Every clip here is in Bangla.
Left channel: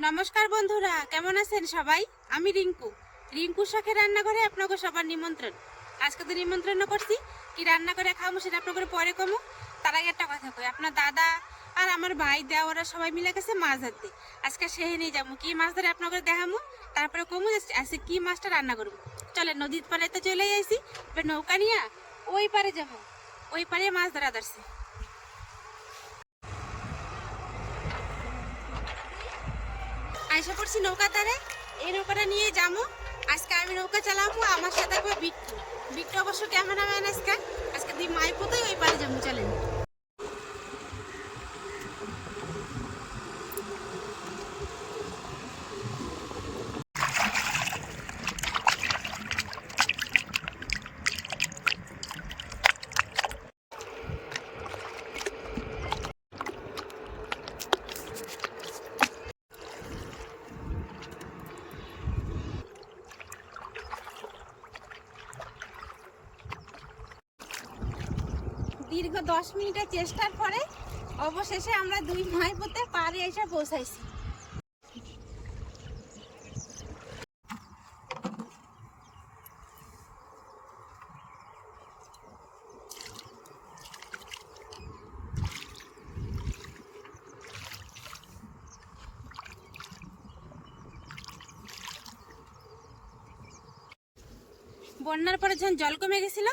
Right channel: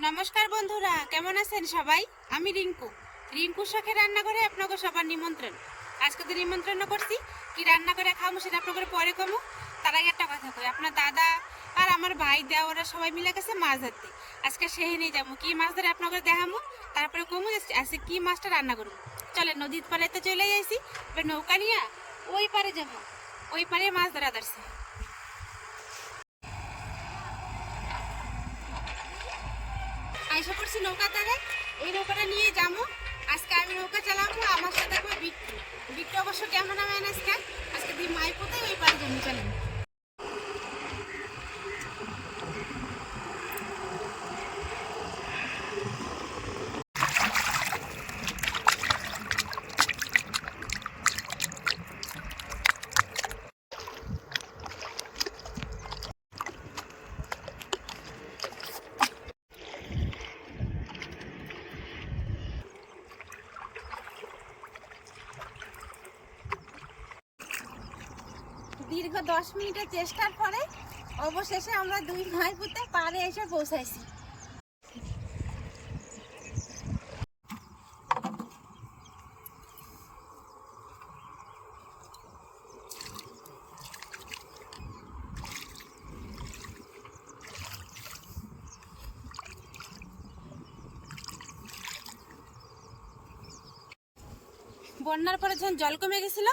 নমস্কার বন্ধুরা, কেমন আছেন সবাই? আমি রিঙ্কু। রিঙ্কু শাখের রান্নাঘরে আপনাকে সবার নিমন্ত্রণ। আজকে তো নিমন্ত্রণ করছি, কি রান্না করে খাব সেটা আপনাকে পরে কমু। তার আগে একটা কথা কই, আপনার দাদা আর আমার ভাই দেওয়া ওরা সবাই মিলে গেছে মাছ ধরতে। আজকে সেহে নিয়ে যাব, কি মাছ ধরে আপনাকে দেখামু, তারপরে কমু আজকে কি মাছটা রান্না করব। চলে নদীর পাড়ে তো চলে যাইছি এবার নৌকা নিয়ে ওই পারে যাব, ওই পারে মাছ ধরা ধরছে। আইসা করছি নৌকা তারে। এই নৌকাটা নিয়ে যাব আজকে আমি নৌকা চালাবো আমার সাথে একবার বিট্টু। বিট্টু অবশ্য হবে আজকে। আজকে দিই মাই পোতে ওই পারে যাব চলেন। দীর্ঘ দশ মিনিটের চেষ্টার পরে অবশেষে আমরা দুই মাই পোতে পারে এসে পৌঁছাইছি। বন্যার পরে যখন জল কমে গেছিল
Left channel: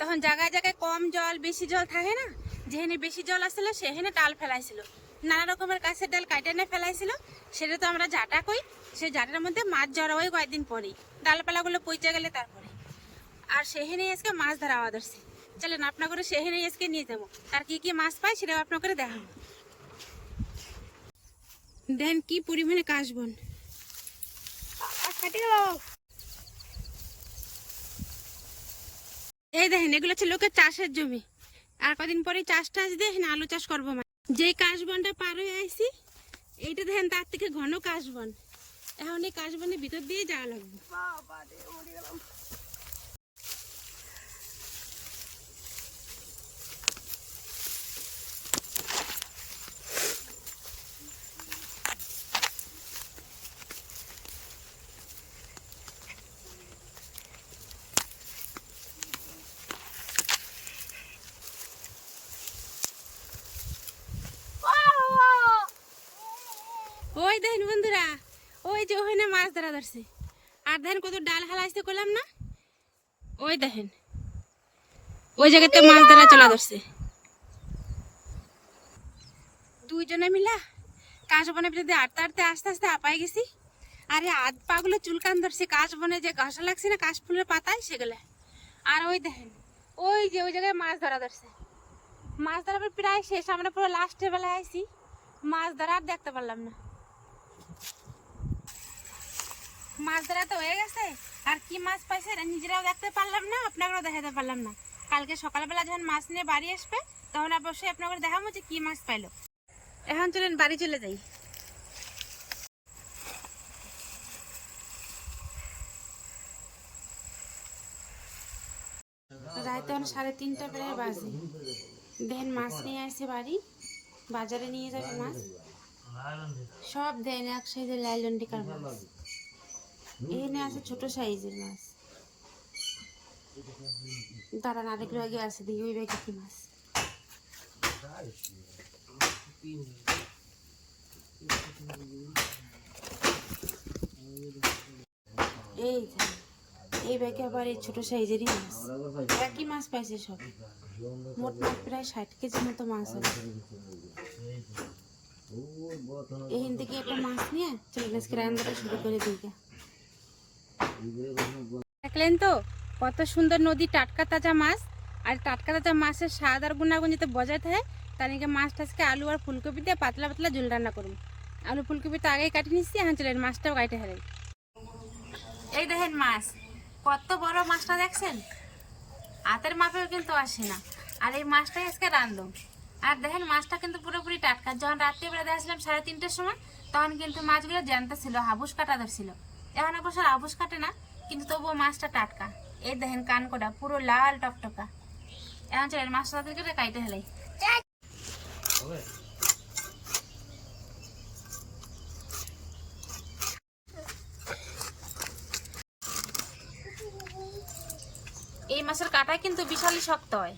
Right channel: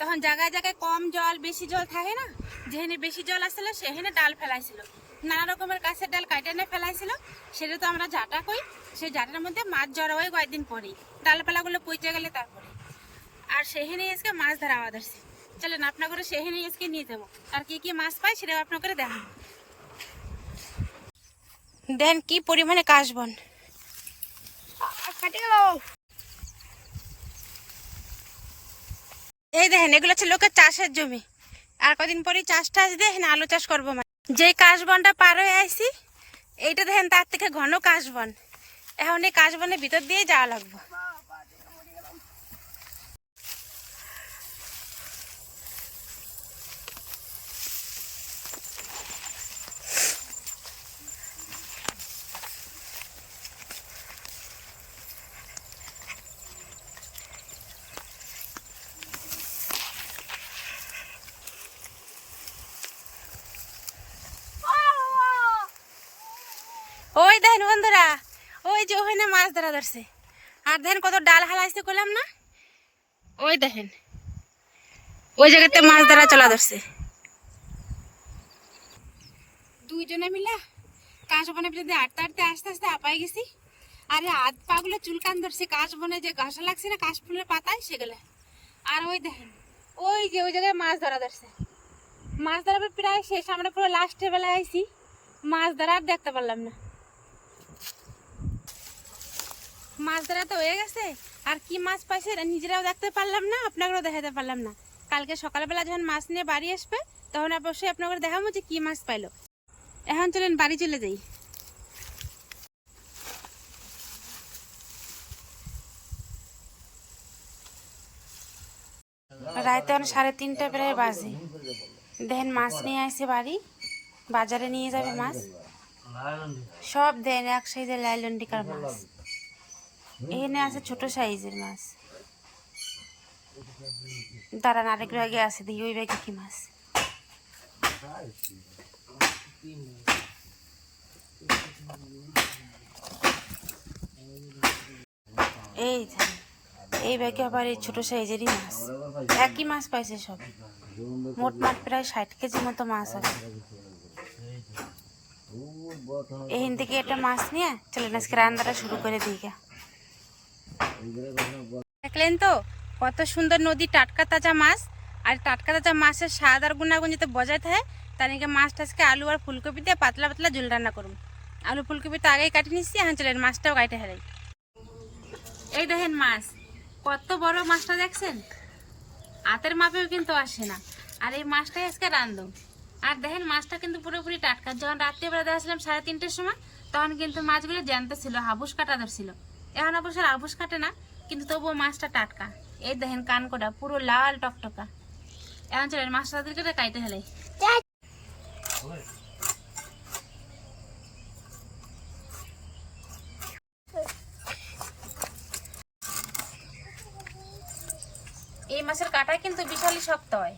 তখন জায়গায় জায়গায় কম জল, বেশি জল থাকে না? যেখানে বেশি জল আসছিল, সেখানে ডাল ফেলাইছিল। নানা রকমের গাছের ডাল কাটে এনে ফেলাইছিল। সেটা তো আমরা জাটা কই সেই জাটার মধ্যে মাছ জড়া হয় কয়েকদিন পরেই। ডালপালাগুলো পচে গেলে তারপরে। আর সেখানে আজকে মাছ ধরা আওয়া ধরছে। চলেন আপনার করে সেখানে আজকে নিয়ে যাব। আর কি কি মাছ পাই সেটাও আপনার করে দেখাবো। দেন কি পরিমাণে কাশবন এই দেখেন, এগুলো হচ্ছে লোকের চাষের জমি। আর কদিন পরে চাষ টাস দিয়ে এখানে আলু চাষ করব মানে। যেই কাশবনটা পার হয়ে আইসি এইটা দেখেন তার থেকে ঘন কাশবন। এখন এই কাশবনের ভিতর দিয়ে যাওয়া লাগবে ওই দেখেন বন্ধুরা ওই যে ওখানে মাছ ধরা ধরছে। আর দেখেন কত ডাল হালাইছে করলাম না? ওই দেখেন। ওই জায়গাতে মাছ ধরা চলা ধরছে। দুইজনে মিলা কাশ বনে যদি আটতে আটতে আস্তে আস্তে আপাই গেছি। আরে হাত পাগুলো চুলকান ধরছে। কাশ বনে যে ঘাসা লাগছে না, কাশ ফুলের পাতায় সেগুলো। আর ওই দেখেন, ওই যে ওই জায়গায় মাছ ধরা ধরছে। মাছ ধরার পর প্রায় শেষ, আমরা পুরো লাস্টের বেলায় আইছি। মাছ ধরা আর দেখতে পারলাম না। মাছ ধরা তো হয়ে গেছে। আর কি মাছ পাইছে নিজেরাও দেখতে পারলাম না, আপনাকেও দেখাতে পারলাম না। কালকে সকালবেলা যখন মাছ নিয়ে বাড়ি আসবে, তখন অবশ্যই আপনাকে দেখাবো যে কি মাছ পাইলো। এখন চলেন বাড়ি চলে যাই। রাইতে এখন সাড়ে তিনটা প্রায় বাজে। দেখেন মাছ নিয়ে আসছে বাড়ি, বাজারে নিয়ে যাবে মাছ। সব দেন এক সাইজের লাইলন্ডিকার মাছ। এখানে আছে ছোট সাইজের মাছ। দাঁড়ান, আরেক ব্যাগে আছে, দেখি ওই ব্যাগে কি মাছ। এই এই ব্যাগে আবার এই ছোট সাইজেরই মাছ। একই মাছ পাইছে সব। মোট মাছ প্রায় ষাট কেজির মতো মাছ আছে। এখান থেকে একটা মাছ নিয়ে চলেন, আজকে রান্নাটা শুরু করে দিই। গা। দেখলেন তো? কত সুন্দর নদী, টাটকা তাজা মাছ। আর টাটকা তাজা মাছের স্বাদ আর গুণাগুণ যাতে বজায় থাকে তার নাকি মাছ আজকে আলু আর ফুলকপি দিয়ে পাতলা পাতলা ঝোল রান্না করুন আলু ফুলকপি তো আগেই কাটি নিচ্ছি এখন চলেন মাছটাও কাটে হেরাই। এই দেখেন মাছ, কত বড় মাছটা দেখছেন? হাতের মাপেও কিন্তু আসে না। আর এই মাছটাই আজকে রান্ধো আর দেখেন মাছটা কিন্তু পুরোপুরি টাটকা। যখন রাত্রিবেলা দেখছিলাম সাড়ে তিনটের সময়, তখন কিন্তু মাছগুলো জ্যান্ত ছিল, হাবুস কাটা ধরছিল। এখন অবশ্য আবুস কাটে না, কিন্তু তবুও মাছটা টাটকা। এই দেখেন কানকোটা পুরো লাল টকটকা। এখন চলেন মাছটা তাদেরকে কাইতে হেলাই এই মাছের কাটা কিন্তু বিশালই শক্ত হয়।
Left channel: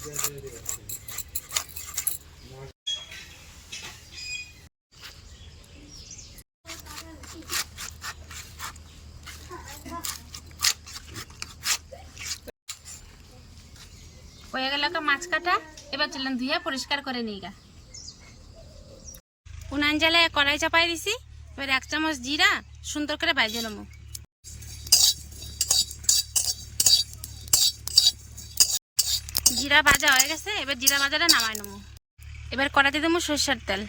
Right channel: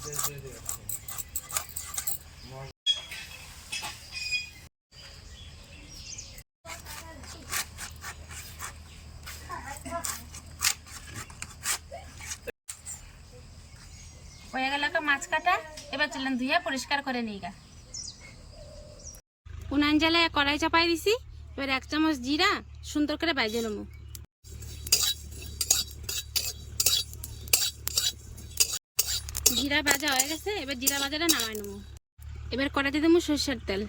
হয়ে গেল মাছ কাটা। এবার চলেন ধুয়ে পরিষ্কার করে নিই গা। উনান জ্বালায় কড়াই চাপাই দিছি। এবার এক চামচ জিরা সুন্দর করে বাইজে নেব। জিরা ভাজা হয়ে গেছে, এবার জিরা ভাজাটা নামাই নেব। এবার কড়াইতে দেবো সর্ষের তেল।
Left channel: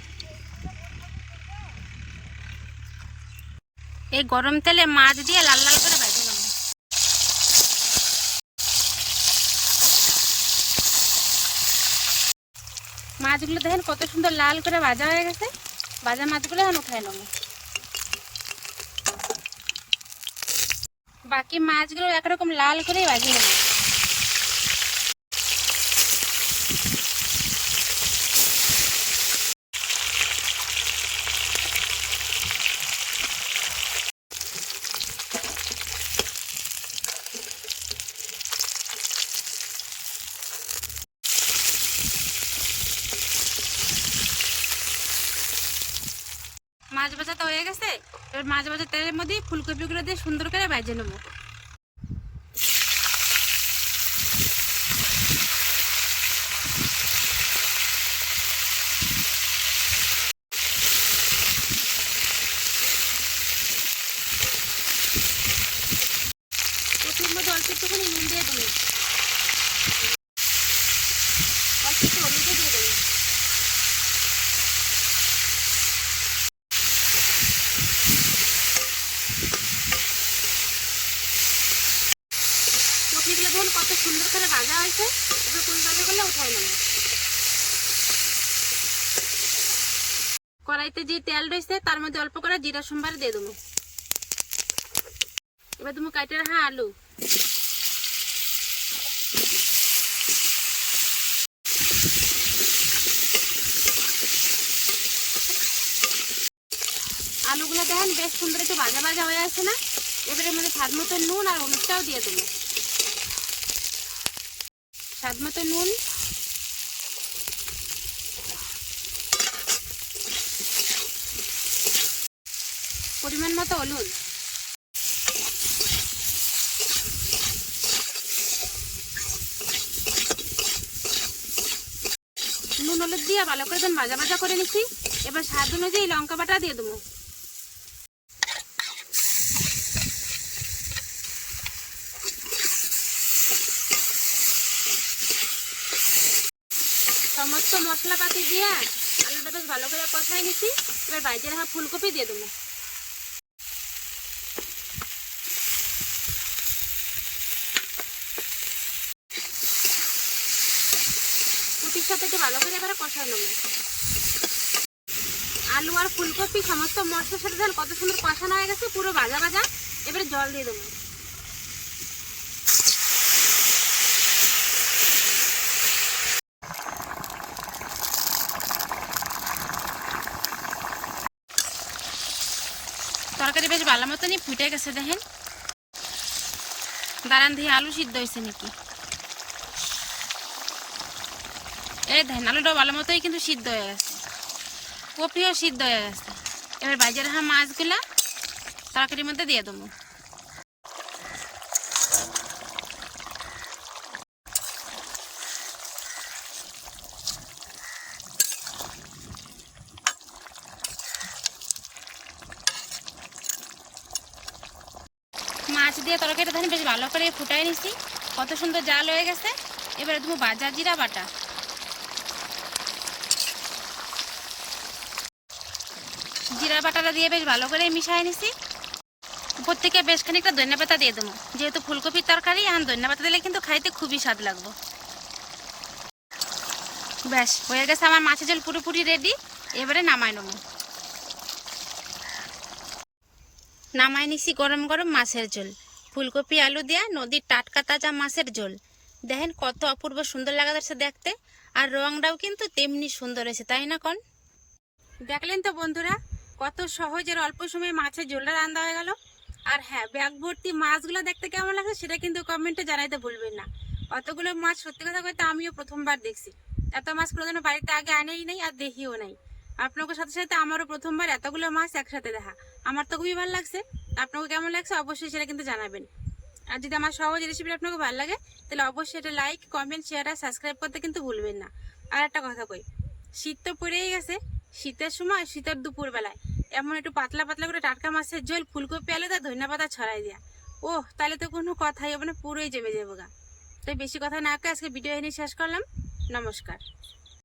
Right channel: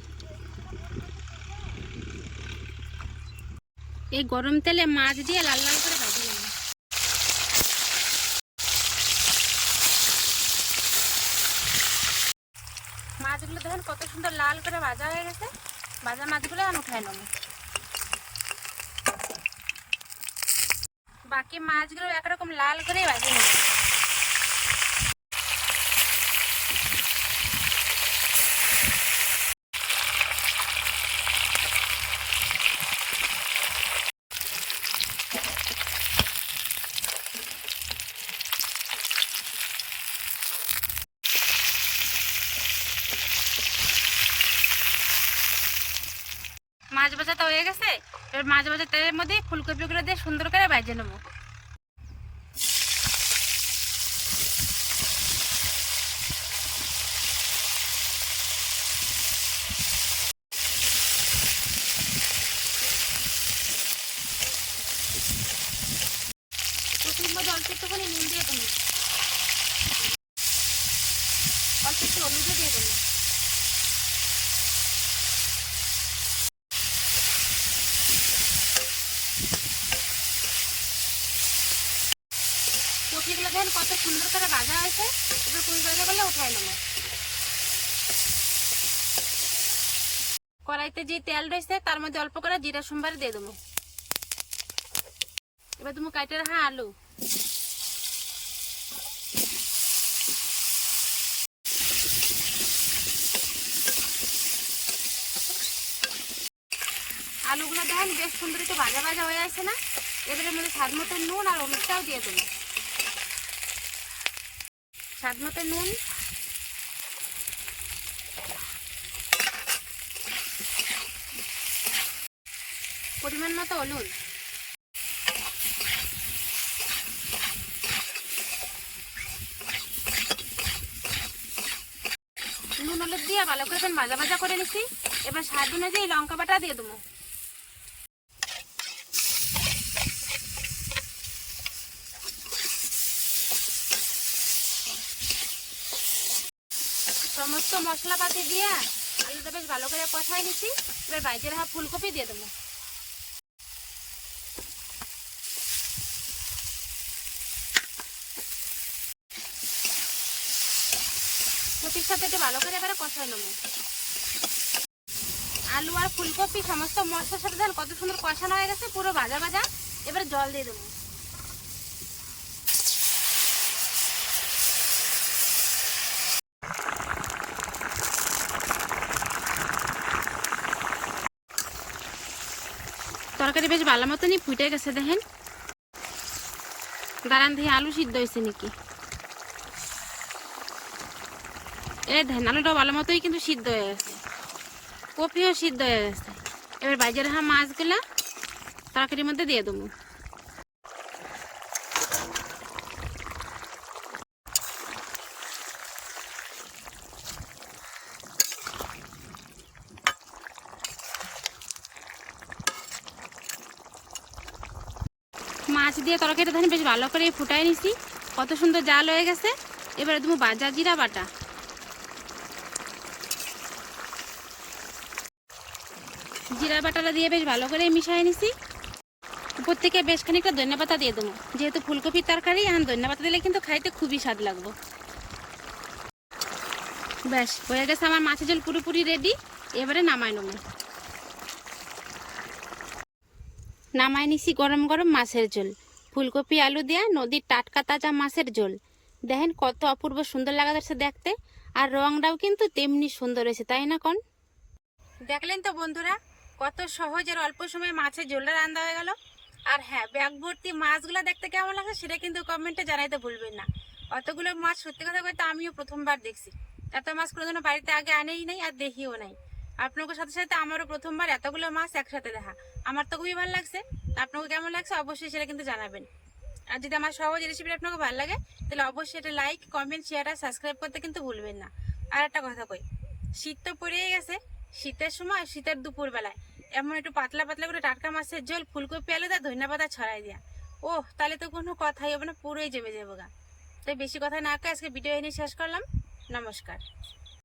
এই গরম তেলে মাছ দিয়ে লাল লাল করে ভাজে নেব। মাছগুলো দেখেন কত সুন্দর লাল করে ভাজা হয়ে গেছে। ভাজা মাছগুলো এখন উঠাই নেব। বাকি মাছগুলো একরকম লাল করেই ভাজি নেব। মাছ ভাজাটা হয়ে গেছে। এবার মাছ ভাজার তেলের মধ্যে ফুলকপিগুলো দিয়ে সুন্দর করে ভেজে নেব। কপির মধ্যে অল্প একটুখানি দিয়ে দেবো। অল্প একটু হলুদও দিয়ে দেবো কপিগুলো দেখেন কত সুন্দর করে ভাজা হয়েছে এবার কুড়ি ভাজা করলে উঠাই নেব। কড়াইতে যে তেল রয়েছে, তার মধ্যে অল্প করে জিরা সোমবার দিয়ে দেবো। এবার তুমি কাইটে রাখা আলু। আলুগুলো দেখেন, বেশ সুন্দর একটু ভাজা ভাজা হয়ে আছে না? এবারের মধ্যে স্বাদ মতো নুন আর হলুদটাও দিয়ে দেবো। স্বাদ মতো নুন। পরিমাণ মতো হলুদ। নুন হলুদ দিয়ে ভালো করে ভাজা ভাজা করে নিচ্ছি। এবার স্বাদ অনুযায়ী লঙ্কা বাটা দিয়ে দেবো। সমস্ত মশলাপাতি দিয়ে আলুটা বেশ ভালো করে কষাই নিচ্ছি। এবার বাইরে রাখা ফুলকপি দিয়ে দেবো। কপির সাথে একটু ভালো করে এবারে কষাই নেব। আলু আর ফুলকপি সমস্ত মশলার সাথে কত সুন্দর কষানো হয়ে গেছে, পুরো ভাজা ভাজা। এবারে জল দিয়ে দেবো। তরকারি বেশ ভালো মতনই ফুটে গেছে দেখেন। দাঁড়ান দিয়ে আলু সিদ্ধ হয়েছে নাকি? এ দেখেন আলুটা ভালো মতোই কিন্তু সিদ্ধ হয়ে গেছে। কপিও সিদ্ধ হয়ে গেছে। এবার বাজারে হা মাছগুলা তরকারির মধ্যে দিয়ে দেবো। মাছ দিয়ে তরকারিটা ধরেন বেশ ভালো করে ফুটাই নিছি। কত সুন্দর জাল হয়ে গেছে। এবারে তুমি বাজার জিরা বাটা। জিরা বাটাটা দিয়ে বেশ ভালো করে মিশাই নিছি। উপর থেকে বেশ খানিকটা ধনে পাতা দিয়ে দেবো। যেহেতু ফুলকপির তরকারি, এখন ধনে পাতা দিলে কিন্তু খাইতে খুবই স্বাদ লাগবে। ব্যাস, হয়ে গেছে আমার মাছের ঝোল পুরোপুরি রেডি এবারে নামাই নেব। নামাই নিছি গরম গরম মাছের ঝোল। ফুলকপি, আলু দেয়া নদীর টাটকা তাজা মাছের ঝোল। দেখেন কত অপূর্ব সুন্দর লাগা যাচ্ছে দেখতে, আর রংটাও কিন্তু তেমনি সুন্দর হয়েছে, তাই না কোন? দেখলেন তো বন্ধুরা, কত সহজের অল্প সময়ে মাছের ঝোলটা রান্না হয়ে গেল। আর হ্যাঁ ব্যাগ ভর্তি মাছগুলো দেখতে কেমন লাগছে সেটা কিন্তু কমেন্টে জানাইতে ভুলবেন না। অতগুলো মাছ সত্যি কথা বলতে আমিও প্রথমবার দেখছি। এত মাছ কোনোদিনও বাড়িতে আগে আনেই নাই আর দেখিও নাই। আপনাদের সাথে সাথে আমারও প্রথমবার এতগুলো মাছ একসাথে দেখা। আমার তো খুবই ভালো লাগছে। আপনাকে কেমন লাগছে অবশ্যই সেটা কিন্তু জানাবেন। আর যদি আমার সহজ রেসিপিটা আপনাকে ভালো লাগে, তাহলে অবশ্যই এটা লাইক কমেন্ট শেয়ার আর সাবস্ক্রাইব করতে কিন্তু ভুলবেন না। আর একটা কথা কই, শীত তো পড়েই গেছে। শীতের সময়, শীতের দুপুর বেলায় এমন একটু পাতলা পাতলা করে টাটকা মাছের ঝোল, ফুলকপি, আলু তার ধনিয়া পাতা ছড়াই দেওয়া ও তাহলে তো কোনো কথাই হবে না, পুরোই জমে যাব গা। তাই বেশি কথা না করে আজকে ভিডিও এনে শেষ করলাম। নমস্কার।